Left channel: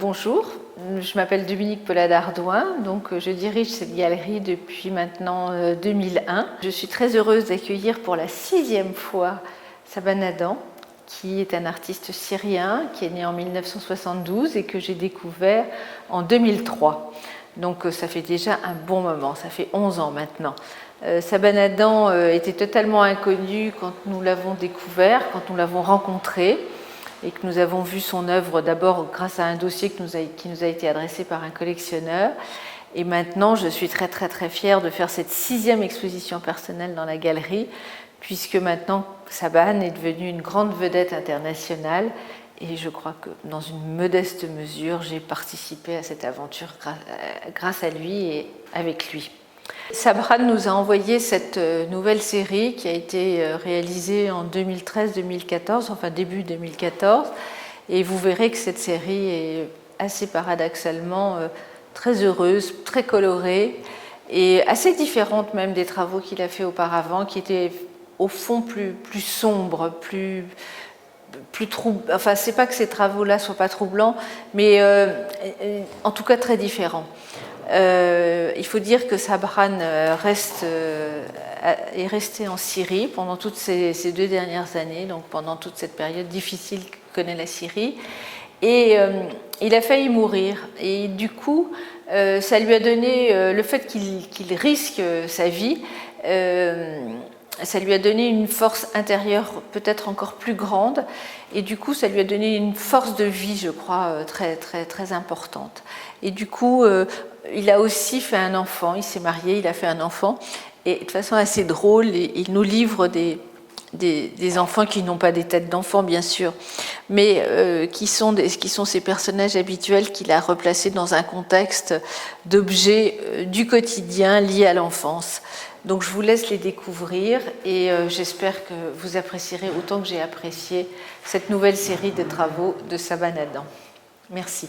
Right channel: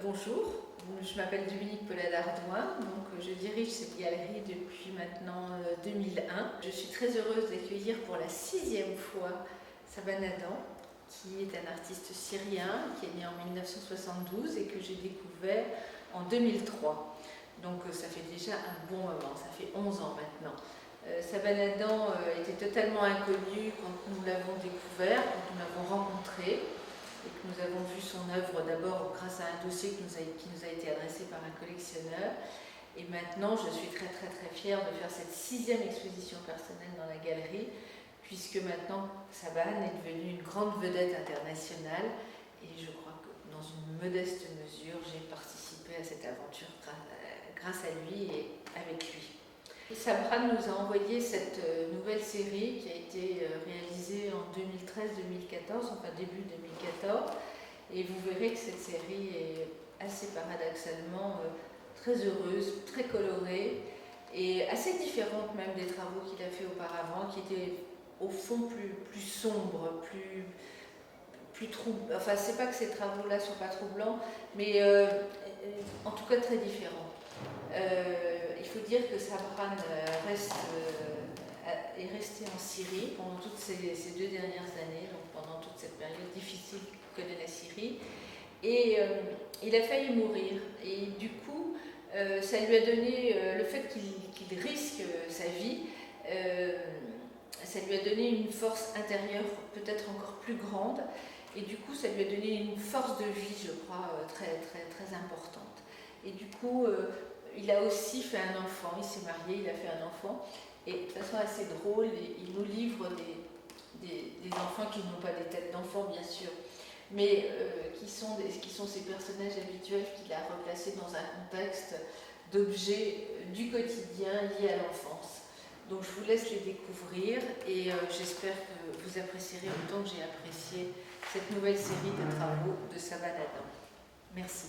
Bonjour, je m'appelle Dominique Paula-Dardouin, donc je dirige cette galerie depuis maintenant 2001. Je suis très heureuse d'accueillir pour la 6e fois Saban Adam, qui est un artiste syrien qui est né en 1972 et que j'ai découvert en 2003. Donc ça fait déjà un bon moment, ça fait 11 ans maintenant. Saban Adam était totalement inconnu quand nous l'avons découvert, quand nous l'avons rencontré et que nous avons vu son œuvre d'abord grâce à un dossier qui nous a été adressé par un collectionneur. Et maintenant, je suis très fière de faire cette 6e exposition personnelle dans la galerie, puisque maintenant Saban est devenu une grande vedette internationale et je crois que dans une modeste mesure, j'ai participé à cette aventure grâce à lui et avec lui. Saban nous a envoyé cette nouvelle série qui a été réalisée en 2013-2014, enfin début 2014, et vous verrez que cette série est assez paradoxalement très heureuse, très colorée et assez différente même des travaux qu'il a fait auparavant, qui étaient au fond plus sombres, plus troublants. Enfin, c'est pas que ces travaux-là soient pas troublants, mais en tout cas très différents. Il faut dire que Saban est resté en Syrie pendant toutes ces 2 dernières années, donc pendant toute cette période difficile que connaît la Syrie. Et il a failli mourir. Et du coup, ça lui a donné, le fait qu'il risque sa vie, ça lui a donné une force intérieure peut-être encore plus grande. Et du coup, ça lui a donné une force de vie, je crois, très importante. Et du coup, il a aussi fait un enfant, il s'est marié, il a fait un enfant. Et de façon assez drôle, il nous livre des enfants qui n'ont pas des têtes d'enfants, bien sûr, mais qui sont ces personnages habituels qu'il a replacés dans un contexte d'objets du quotidien liés à l'enfance. Donc je vous laisse les découvrir et j'espère que vous apprécierez autant que j'ai apprécié cette nouvelle série de travaux de Saban Adam. Merci.